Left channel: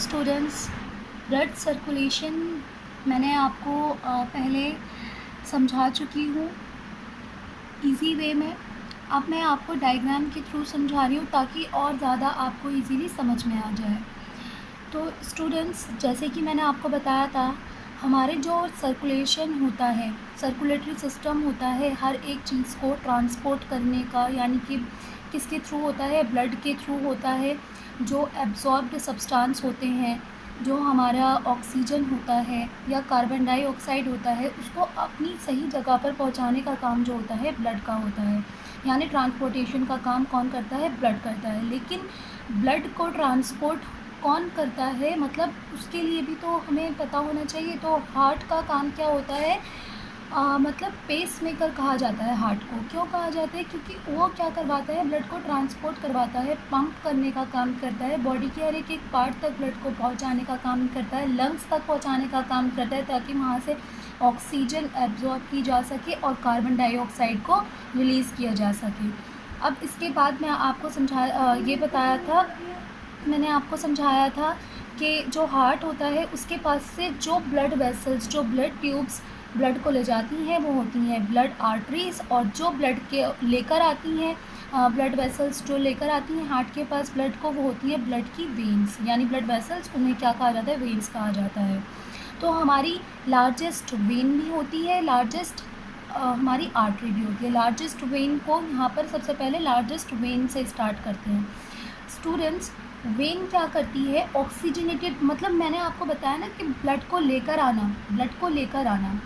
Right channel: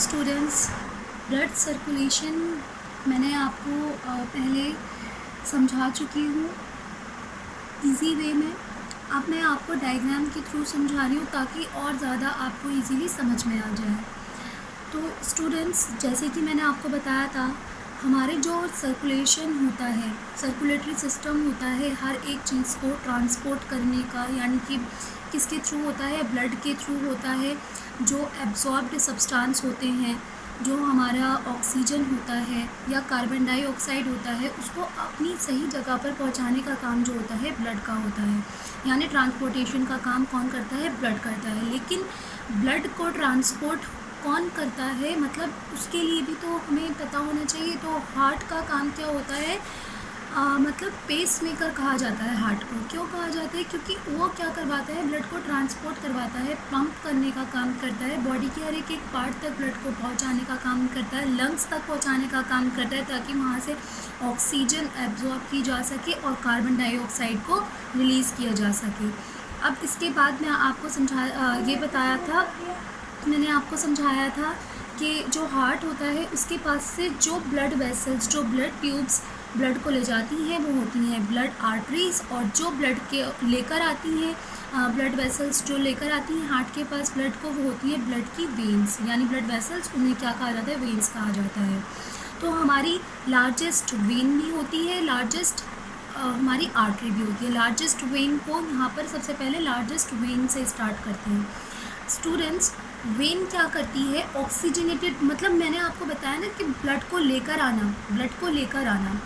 Students, blood circulation मैंने आपको पहले समझा चुकी हूँ इजी वे में। अब मैं आपको डायग्राम के थ्रू समझा रही हूँ ताकि और ज़्यादा आपको इजीली समझ में आ जाए। तो स्टूडेंट्स, जैसे कि मैंने आपको बताया था, हमारे जो सर्कुलेशन होता है, सर्कुलेटरी सिस्टम होता है हर एक चीज़ को ट्रांसपोर्ट करने का, यानी कि किसके थ्रू होता है? ब्लड के थ्रू होता है। जो एब्जॉर्ब्ड सब्सटेंस होते हैं, जो हमारा ऑक्सीजन होता है या कार्बन डाइऑक्साइड होता है, उसको अपनी सही जगह पर पहुंचाने का काम जो होता है ब्लड का होता है। यानी ट्रांसपोर्टेशन का काम कौन करता है? ब्लड करता है। लेकिन ब्लड को ट्रांसपोर्ट कौन करता है, मतलब उसके लिए भी तो हमें पता होना चाहिए। तो हार्ट का काम क्या होता है? मतलब पेस मेकर कहा जाता है हार्ट को। क्यों कहा जाता है? क्योंकि वो क्या करवाता है? ब्लड को ट्रांसपोर्ट करवाता है, पंप करने का काम करता है, बॉडी के हर एक पार्ट तक ब्लड को पहुंचाने का काम करता है, लंग्स तक पहुंचाने का काम करता है, ताकि वहाँ से ऑक्सीजन एब्जॉर्ब की जा सके और कार्बन डाइऑक्साइड को रिलीज़ किया जा सके। अब इसके बाद मैं आपको मैंने आपको समझाया था कि जो हार्ट होता है उसके पास से जो ब्लड वेसल्स, जो ब्लड ट्यूब्स ब्लड को ले जाती हैं, वो होती हैं ब्लड आर्टरीज़। और जो ब्लड के लेकर आती हैं, ब्लड वेसल्स जो लेकर आती हैं हार्ट के पास ब्लड को, वो होती है ब्लड की वेन्स। यानी ब्लड वेसल्स, उन्हें क्या कहा जाता है? वेन्स कहा जाता है। तो हमारी लार्जेस्ट वेन भी होती है, लार्जेस्ट हमारी आर्टरी भी होती है। लार्जेस्ट वेन को यहाँ पर सबसे पहले लार्जेस्ट वेन से स्टार्ट करते हैं। स्टूडेंट्स, वेन क्या करती है? ऑक्सीजनेटेड, मतलब मैंने आपको बताया ना कि ब्लड को लेकर आना,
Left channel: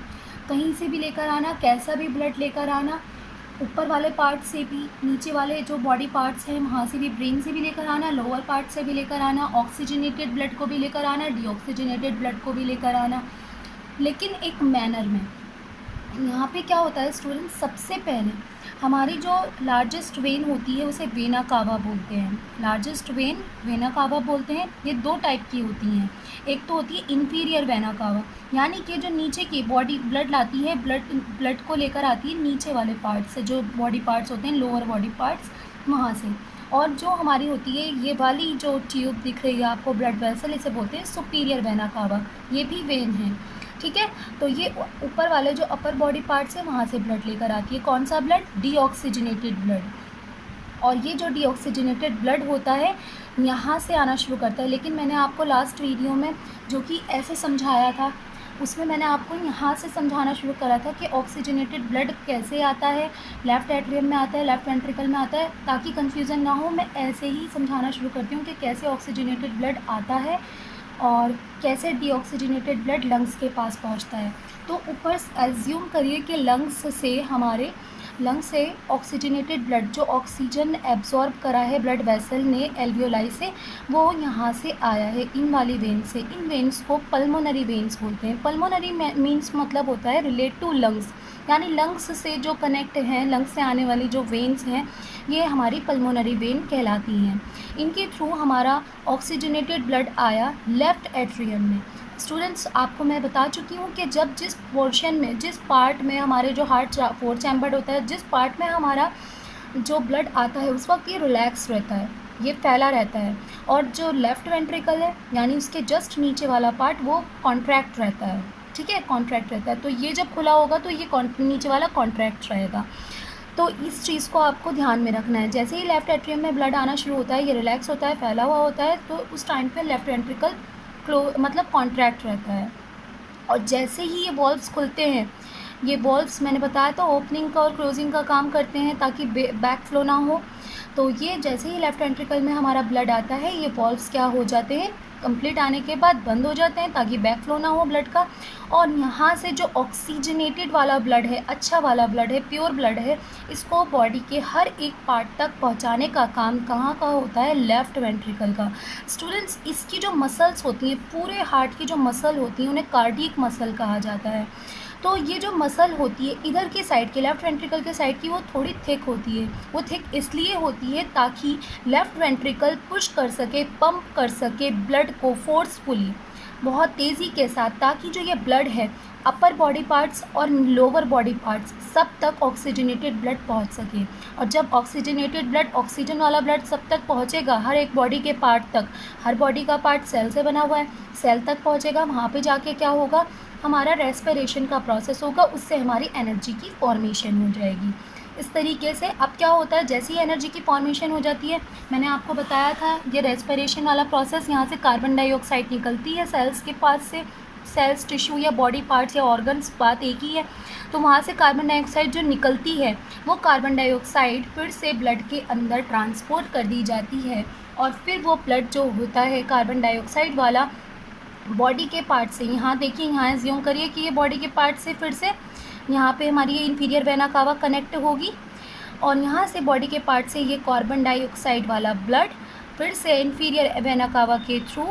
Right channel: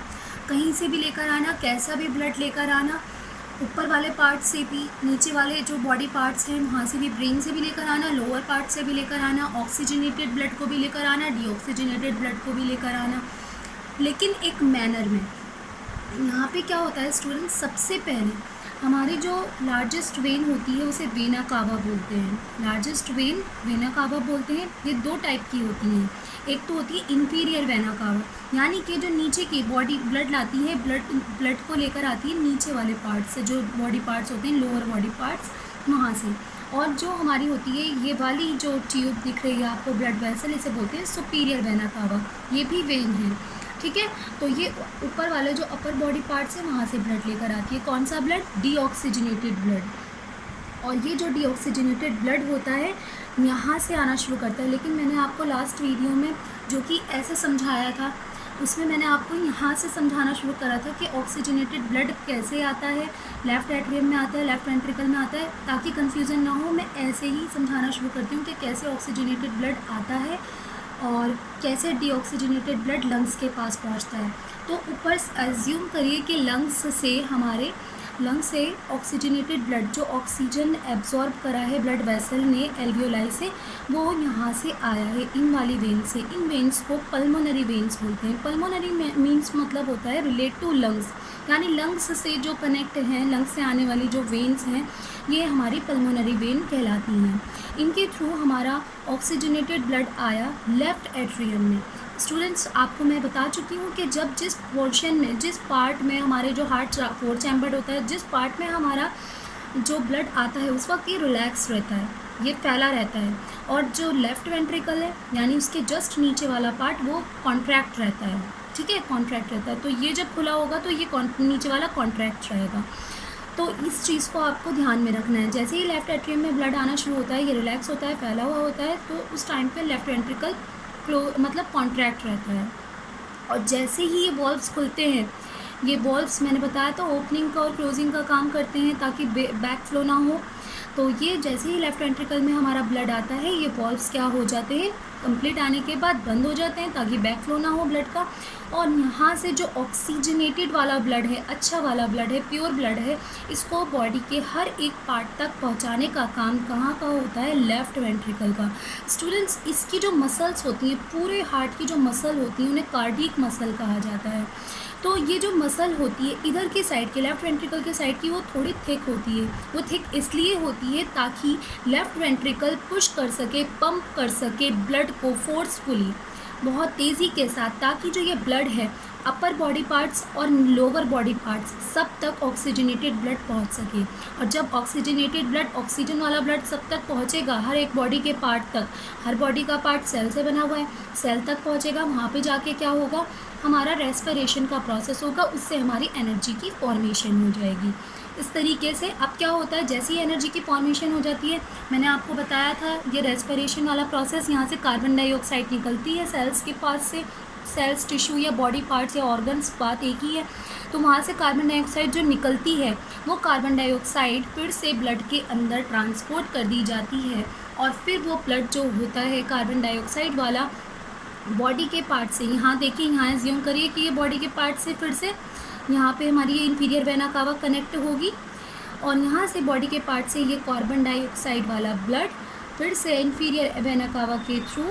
कहीं से भी लेकर आना, कैसा भी ब्लड लेकर आना, ऊपर वाले पार्ट से भी, नीचे वाले जो बॉडी पार्ट्स हैं वहाँ से भी, ब्रेन से भी लेकर आना, लोअर पार्ट से भी लेकर आना, ऑक्सीजनेटेड ब्लड को भी लेकर आना, डीऑक्सीजनेटेड ब्लड को भी लेकर आना, लेकिन एक मैनर में। यहाँ पे क्या होता है स्टूडेंट्स? सबसे पहले हमारी जो लार्जेस्ट वेन होती है उसे वेना कावा बोलते हैं। लार्जेस्ट वेन वेना कावा बोलते हैं। ये दो टाइप की होती हैं। एक तो होती है इंफीरियर वेना कावा, यानी कि जो नीचे की बॉडी ब्लड लाती है, ब्लड को लेकर आती है नीचे वाले पार्ट से, जो बॉडी पार्ट्स होते हैं, लोअर बॉडी पार्ट्स, वहाँ से। और जो हमारी होती है ये वाली जो ट्यूब दिख रही है आपको, ब्लड वेसल, इसे बोलते हैं सुपीरियर वेना कावा। ये भी वेन है, ठीक है। तो ये ऊपर वाले जो अपर बॉडी पार्ट्स है वहाँ से ब्लड लेकर आती है। कौन सा ब्लड? Deoxygenated blood. और ये जो डीऑक्सीजनेटेड ब्लड होता है यहाँ से आना शुरू करता है। लेकिन मैंने आपको लास्ट वीडियो में जो कि ऐसे समझाया था, उसमें मैंने आपको यहाँ से समझाना शुरू करा था कि ऑक्सीजनेटेड ब्लड कैसे आता है, लेफ़्ट एट्रियम में आता है, लेफ़्ट वेंट्रिकल में आता है। ताकि कन्फ्यूज़न ना हो, मैं ऐसे ही समझाना शुरू करती हूँ कि कैसे ऑक्सीजनेटेड ब्लड आता है और कैसे डीऑक्सीजनेटेड ब्लड लंग्स के पास पहुंचता है। तो ऊपर एज्यूम करिए कि लंग्स से ऑक्सीजनेटेड ब्लड, जो ऑक्सीजन एब्जॉर्ब करा है ब्लड वेसल ने एल्वियोलाई से, वो यहाँ से आया है इन वाली वेन से। इन वेन्स को पल्मोनरी वेन्स बोलते हैं। पल्मोनरी मीन्स मतलब होता है रिलेट टू लंग्स, यानी लंग्स से जो कनेक्ट हैं, लंग्स से आने वाली जो वेन्स हैं, ये हमारी पल्मोनरी वेन कहलाती हैं। इनके थ्रू हमारा ऑक्सीजनेटेड ब्लड आया लेफ़्ट एट्रियम में। स्टूडेंट्स, आपको मैं बता चुकी हूँ कि जब जिस पोर्शन में, जिस पार्ट में हमारे जो हार्ट फोर चैम्बर्ड होता है, जिस पार्ट में हमारा जो ब्लड आता है उस वक्त ये रिलैक्स रहता है, ये फैला रहता है। और जो लेफ़्ट वेंट्रिकल है, यानी उसके जस्ट नीचे वाला पार्ट, वो कॉन्ट्रैक्ट रहता है, ठीक है, कॉन्ट्रैक्ट रहता है। तो ये जब खुला होगा तो ये नीचे वाला कॉन्ट्रैक्ट रहेगा। तो इस चीज़ को आपको ध्यान में रखना है। जैसे ही लेफ़्ट एट्रियम में ब्लड आना शुरू होता है, ये रिलैक्स होता है, फैला हुआ होता है, तो उस टाइम पे लेफ़्ट वेंट्रिकल मतलब कॉन्ट्रैक्ट रहता है। और जैसे ही ये वॉल्व्स खुलते हैं, ये वॉल्व्स मैंने बताया था ओपनिंग का और क्लोजिंग का काम करते हैं ताकि बैक फ्लो ना हो। तो ये जैसे ही लेफ़्ट वेंट्रिकल में हमारा ब्लड आता है, ये वॉल्व्स क्या हो जाते हैं? कंप्लीट आने के बाद बंद हो जाते हैं ताकि बैक फ्लो ना हो ब्लड का। और यहाँ से जो ऑक्सीजनेटेड वाला ब्लड है, अच्छा वाला ब्लड है, प्योर ब्लड है, इसको बॉडी के हर एक पार्ट तक पहुँचाने का काम कहाँ का होता है? लेफ़्ट वेंट्रिकल का। स्टूडेंट्स, इसकी जो मसल्स होती हैं, पूरे हार्ट की जो मसल होती हैं, उन्हें कार्डियक मसल कहा जाता है। तो ये जो मसल होती है इधर की साइड की, लेफ़्ट वेंट्रिकल के साइड की, वो थोड़ी थिक होती है। वो थिक इसलिए होती है ताकि लेफ़्ट वेंट्रिकल पुश कर सके, पंप कर सके ब्लड को फोर्सफुली। बहुत तेज़ी के साथ, ताकि जो ये ब्लड है अपर बॉडी पार्ट्स और लोअर बॉडी पार्ट्स सब तक ऑक्सीजनेटेड ब्लड पहुंच सके। और जब ऑक्सीजनेटेड ब्लड, ऑक्सीजन वाला ब्लड सब तक पहुंचेगा, हर एक बॉडी के पार्ट तक, हर बॉडी का पार्ट सेल से बना हुआ है, सेल तक पहुंचेगा, वहाँ पे जाके क्या होगा, हमारा रेस्पिरेशन का प्रोसेस होगा, उससे हमारी एनर्जी की फॉर्मेशन हो जाएगी। इस तरीके से अब क्या होता है, जैसी एनर्जी की फॉर्मेशन हो जाती है, मैंने आपको बताया था ये रेस्पिरेशन वाला प्रोसेस, यहाँ से कार्बन डाइऑक्साइड निकलती है सेल्स के पास से, सेल्स, टिश्यू या बॉडी पार्ट्स या ऑर्गन्स, बात एक ही है। तो वहाँ से कार्बन डाइऑक्साइड जो निकलती है, वो कार्बन डाइऑक्साइड फिर से ब्लड के अंदर ट्रांसपोर्ट कर दी जाती है, और फिर वो ब्लड जो होता है कार्बन डाइऑक्साइड वाला बॉडी के पार्ट से, यहाँ देखिए, यहाँ एज्यूम करिए कि ये बॉडी के पार्ट से फिर से यहाँ पे हमारी ये इन्फीरियर वेना कावा कनेक्ट होगी, और यहाँ से बॉडी के पार्ट से ये कार्बन डाइऑक्साइड वाला ब्लड फिर से इन्फीरियर वेना कावा के थ्रू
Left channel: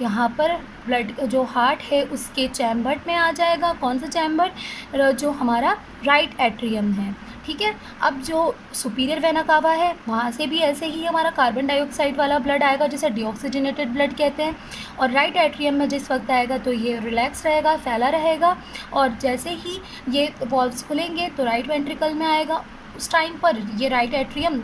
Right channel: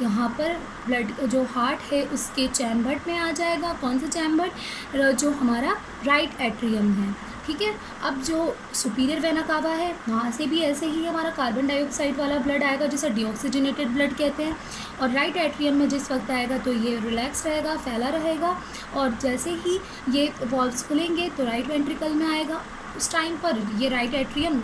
यहाँ पर ब्लड जो हार्ट है उसके चैम्बर में आ जाएगा। कौन सा चैम्बर, जो हमारा राइट एट्रियम है, ठीक है। अब जो सुपीरियर वेना कावा है, वहाँ से भी ऐसे ही हमारा कार्बन डाइऑक्साइड वाला ब्लड आएगा, जिसे डीऑक्सीजनेटेड ब्लड कहते हैं। और राइट एट्रियम में जिस वक्त आएगा तो ये रिलैक्स रहेगा, फैला रहेगा, और जैसे ही ये वॉल्व्स खुलेंगे तो राइट वेंट्रिकल में आएगा। उस टाइम पर ये राइट एट्रियम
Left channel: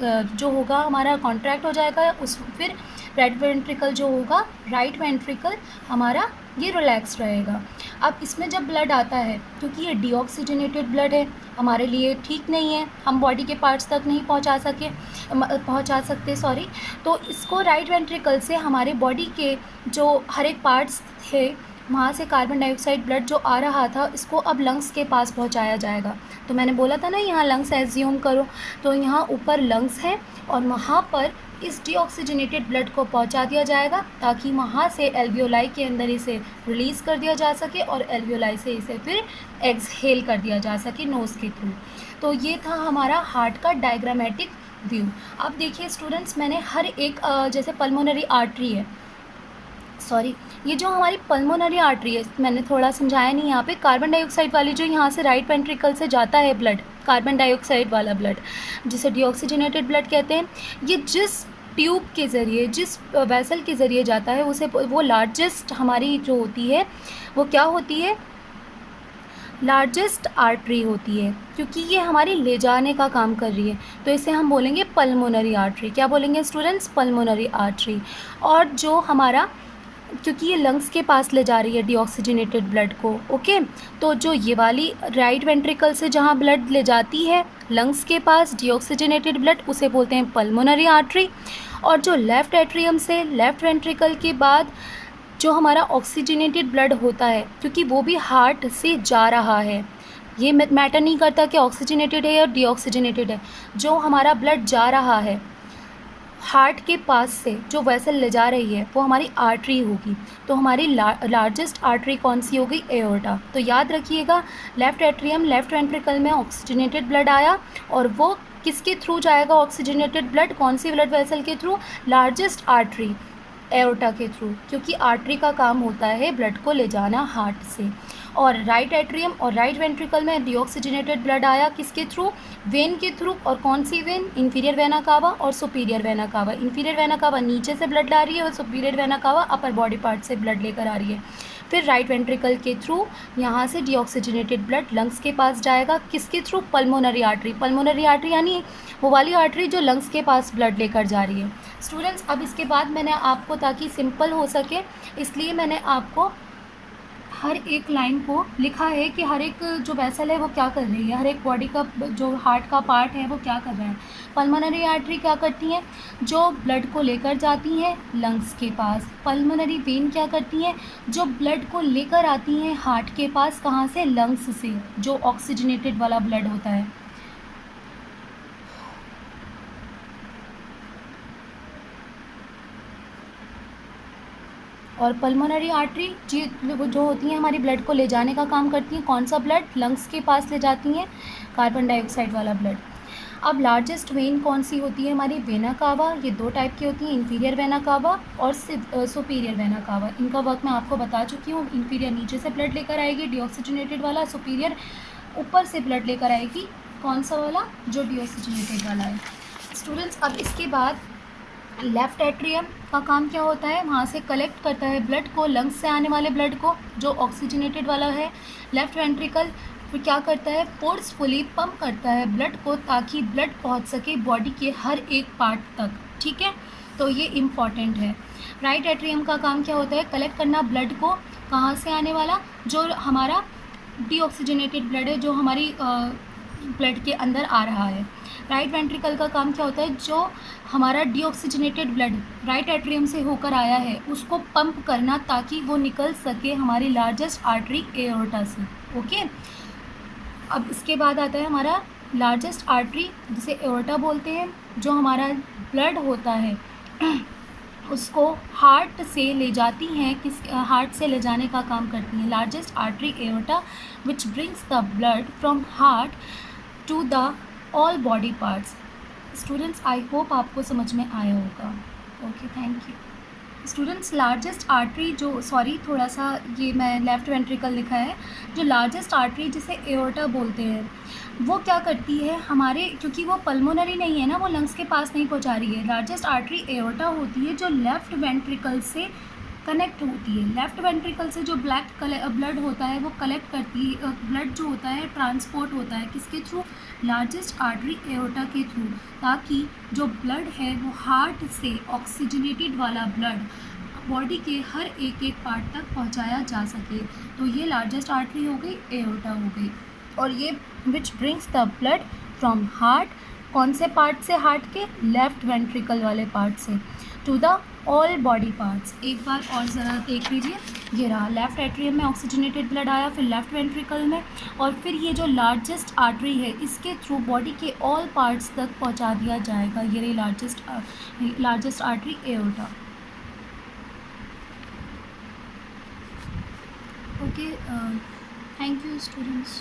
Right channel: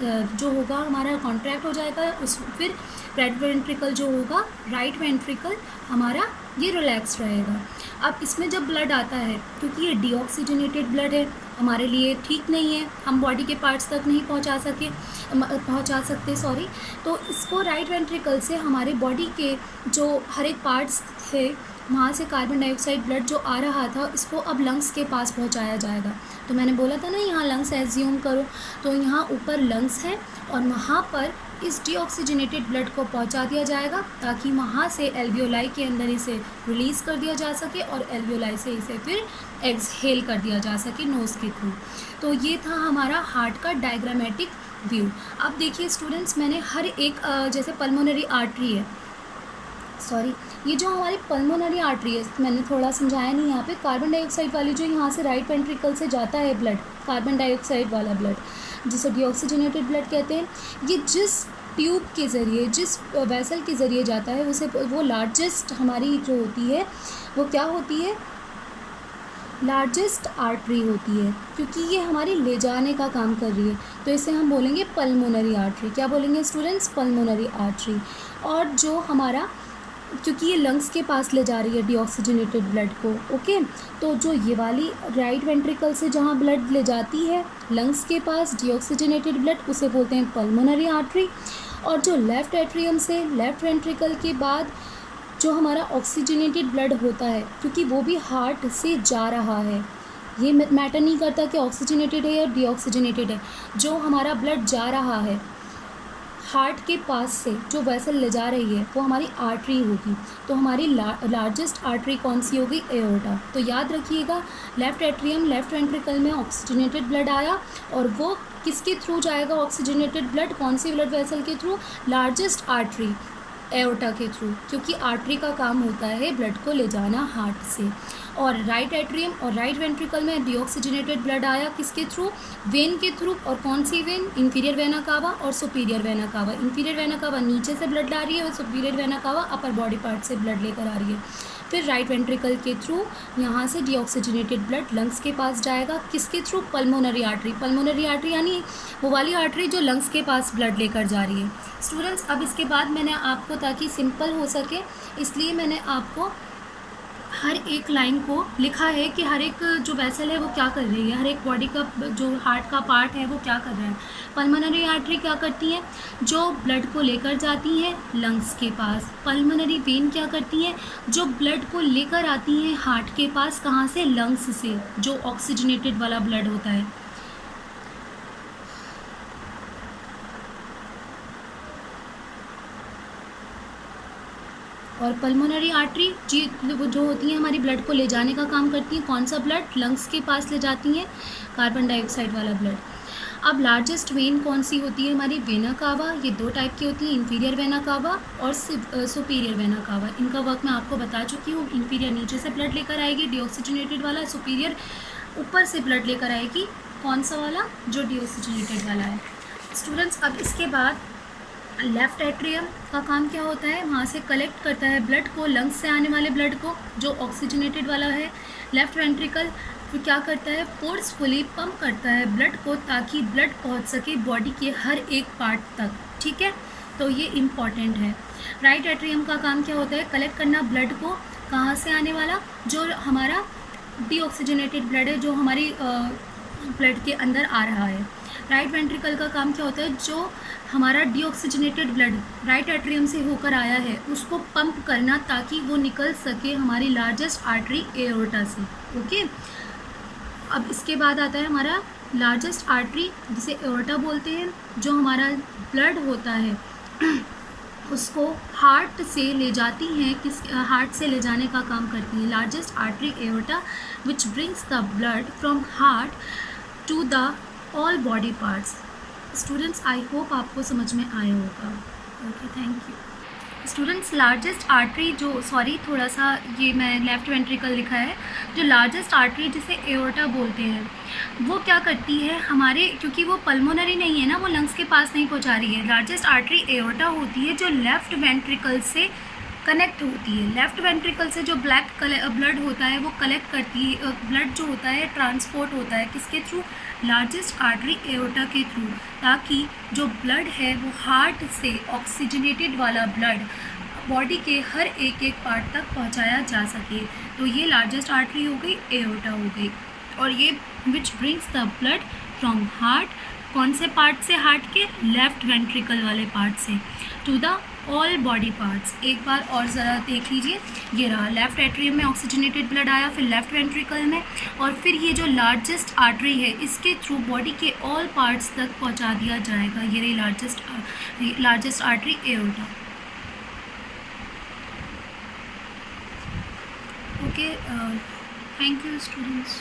जो होगा हमारा कॉन्ट्रैक्ट हो जाएगा, उस फिर राइट वेंट्रिकल जो होगा, राइट वेंट्रिकल हमारा ये रिलैक्स रहेगा। अब इसमें जब ब्लड आता है, क्योंकि ये डीऑक्सीजनेटेड ब्लड है, हमारे लिए ठीक नहीं है, हम बॉडी के पार्ट्स तक नहीं पहुंचा सकते सॉरी, तो इसको राइट वेंट्रिकल से हमारे बॉडी के जो हर एक पार्ट्स थे, वहाँ से कार्बन डाइऑक्साइड ब्लड जो आ रहा था, इसको अब लंग्स के पास पहुँचाया जाएगा। तो मैंने बोला था ना, यहाँ लंग्स एज्यूम करो, तो यहाँ ऊपर लंग्स है, और वहाँ पर इस डीऑक्सीजनेटेड ब्लड को पहुंचा दिया जाएगा, ताकि वहाँ से एल्वियोलाई के अंदर इसे रिलीज़ कर दिया जा सके, और एल्वियोलाई से इसे फिर एक्सहेल कर दिया जा सके नोज़ के थ्रू। तो ये था हमारा हार्ट का डायग्रामेटिक व्यू। अब देखिए स्टूडेंट्स, मैंने हर एक जैसे पल्मोनरी आर्टरी है, सॉरी, ये जो हमारी पल्मोनरी आर्टरी है, मैंने थोड़ा समझाया नहीं यहाँ पे, कार्बन डाइऑक्साइड वाली जो यहाँ से राइट वेंट्रिकल से जाता है ब्लड, कार्बन डाइऑक्साइड वाला ब्लड, जिसे डीऑक्सीजनेटेड ब्लड कहते हैं, ये जिस ट्यूब के ज़रिए, जिस वेसल के ज़रिए जाता है, उसे वो लार्जेस्ट हमारी जो होती है, वो क्या होती है, लार्जेस्ट आर्टरी होती है, क्योंकि ये हमारी ले जाने का काम कर रही है, तो इसे हम बोलेंगे पल्मोनरी आर्टरी। क्या बोलेंगे स्टूडेंट्स, पल्मोनरी आर्टरी। और जो हमारा, क्योंकि ये लंग्स के पास ले जा रही है डीऑक्सीजनेटेड ब्लड को, ओके, तो जो ये वाली राइट वेंट्रिकल से जहाँ ब्लड ले जाती है लंग्स के पास डीऑक्सीजनेटेड ब्लड, उसे बोलते हैं पल्मोनरी आर्टरी। और जो लेफ़्ट एट्रियम से, लेफ़्ट वेंट्रिकल के बाद जो हमारा ऑक्सीजनेटेड ब्लड होता है, क्योंकि वो भी हार्ट से जा रहा है, ये मैटर नहीं करता कि ऑक्सीजनेटेड है या डीऑक्सीजनेटेड है, जो हमारा ब्लड जा रहा है हार्ट के पास से, जो वेसल ले जा रही है, वो हमारी आर्टरी होगी। तो हमारी लार्जेस्ट आर्टरी कौन सी होगी, एओर्टा। तो याद रखिएगा, लेफ़्ट एट्रियम, लेफ़्ट वेंट्रिकल में ऑक्सीजनेटेड ब्लड आया, और वो किसके थ्रू जाएगा ऑक्सीजनेटेड ब्लड, कौन सी ब्लड वेसल के थ्रू, लार्जेस्ट आर्टरी एओर्टा के थ्रू, क्योंकि आर्टरी का काम होता है ब्लड को ले जाना हार्ट से। और राइट एट्रियम और राइट वेंट्रिकल में डीऑक्सीजनेटेड ब्लड आया किसके थ्रू, वेन के थ्रू, और कौन सी वेन, इंफीरियर वेना कावा और superior vena cava. Inferior vena cava नीचे से ब्लड ला रही है, और superior vena cava upper body part से ब्लड लेकर आ रही है। फिर राइट वेंट्रिकल के थ्रू यहाँ से डीऑक्सीजनेटेड ब्लड लंग्स के पास जाएगा, किसके through, pulmonary artery. Pulmonary artery यानी वो वाली आर्टरी जो लंग्स के पास ब्लड लेकर जा रही है। स्टूडेंट्स, अब इसके बाद मैंने आपको, ताकि सिंपल हो सके, इसलिए मैंने आपको हर एक लाइन को लिखा है कि हर एक जो वेसल है वो क्या कर रही है, हर एक बॉडी का जो हार्ट का पार्ट है वो क्या कर रहा है। पल्मोनरी आर्टरी क्या करती है, जो ब्लड को लेकर जाती है लंग्स के पास। पल्मोनरी वेन क्या करती है, जो ब्लड को लेकर आती हैं हार्ट के पास, कहाँ से, लंग्स से, जो ऑक्सीजनेटेड वाला ब्लड होता है। और पल्मोनरी आर्टरी जो होती हैं हमारी ब्लड को ले जाने का काम करती हैं, कौन सा ब्लड, लंग्स के पास ले जाती हैं कार्बन डाइऑक्साइड वाला ब्लड। अब लार्जेस्ट वेन कौन सी होती है हमारी, वेना कावा। ये दो टाइप की होती हैं, इंफीरियर वेना कावा और सुपीरियर वेना कावा। इनका वर्क मैं आपको बता चुकी हूँ। इंफीरियर नीचे से ब्लड लेकर आएगी डीऑक्सीजनेटेड वाला, सुपीरियर ऊपर से ब्लड लेकर आएगी, कौन सा वाला, जो डीऑक्सीजनेटेड वाला है। स्टूडेंट्स, अब इसके बाद लेफ़्ट एट्रियम का काम क्या होता है, वहाँ से कलेक्ट करता है ब्लड को, लंग्स से आने वाले ब्लड को जो ऑक्सीजनेटेड वाला है। लेफ़्ट वेंट्रिकल फिर क्या करता है, फोर्सफुली पंप करता है ब्लड को ताकि ब्लड पहुँच सके बॉडी के हर एक पार्ट तक, ठीक है, तो ये इम्पॉर्टेंट है। राइट एट्रियम का काम क्या होता है, कलेक्ट करना ब्लड को, कहाँ से आने वाला, जो हमारा डीऑक्सीजनेटेड ब्लड है, जो हमारी ब्लड के अंदर आ रहा है। राइट वेंट्रिकल का काम क्या होता है, जो हमारा डीऑक्सीजनेटेड ब्लड राइट एट्रियम से होकर आया है उसको पंप करना ताकि वो निकल सके हमारी लार्जेस्ट आर्टरी एओर्टा से। ओके, अब इसके बाद आता है हमारा लार्जेस्ट आर्टरी जिसे एओर्टा बोलते हैं, जो हमारा ब्लड होता है उसको हार्ट से ले जाती हैं, हार्ट से ले जाने का काम करती है। Largest artery aorta which brings the blood from heart to the all body parts. Students, I hope आपको समझ में आया होगा। Okay, thank you. Students, largest artery जो, सॉरी थोड़ा सा ये मैं लेफ़्ट वेंट्रिकल लिखा है, जो लार्जेस्ट आर्टरी जिसे एओर्टा बोलते हैं, वो क्या करती है हमारे, क्योंकि वो पल्मोनरी नहीं है ना, वो लंग्स के पास नहीं पहुंचा रही है। लार्जेस्ट आर्टरी एओर्टा होती है जो लेफ़्ट वेंट्रिकल से कनेक्ट होती है। लेफ़्ट वेंट्रिकल से जो ब्लड होता है वो कलेक्ट करती है, ब्लड जो होता है ट्रांसपोर्ट होता है किसके थ्रू, लार्जेस्ट आर्टरी एओर्टा के थ्रू, ताकि जो ब्लड है वो हार्ट से ऑक्सीजनेटेड वाला ब्लड बॉडी के हर एक एक पार्ट तक पहुंचाया जा सके। तो ये लार्जेस्ट आर्टरी हो गई, एओर्टा हो गई। और ये which brings the blood from heart, कौन से पार्ट से, हार्ट के लेफ़्ट वेंट्रिकल वाले पार्ट से, to the all body parts. एक बार और ज़रा देख लीजिए, ये रहा लेफ़्ट एट्रियम में ऑक्सीजनेटेड ब्लड आया, फिर लेफ़्ट वेंट्रिकल में, और फिर ये जो लार्जेस्ट आर्टरी है इसके थ्रू बॉडी के ऑल पार्ट्स तक पहुंचा दिया जाएगा। ये रही largest artery aorta. Okay, thank you students.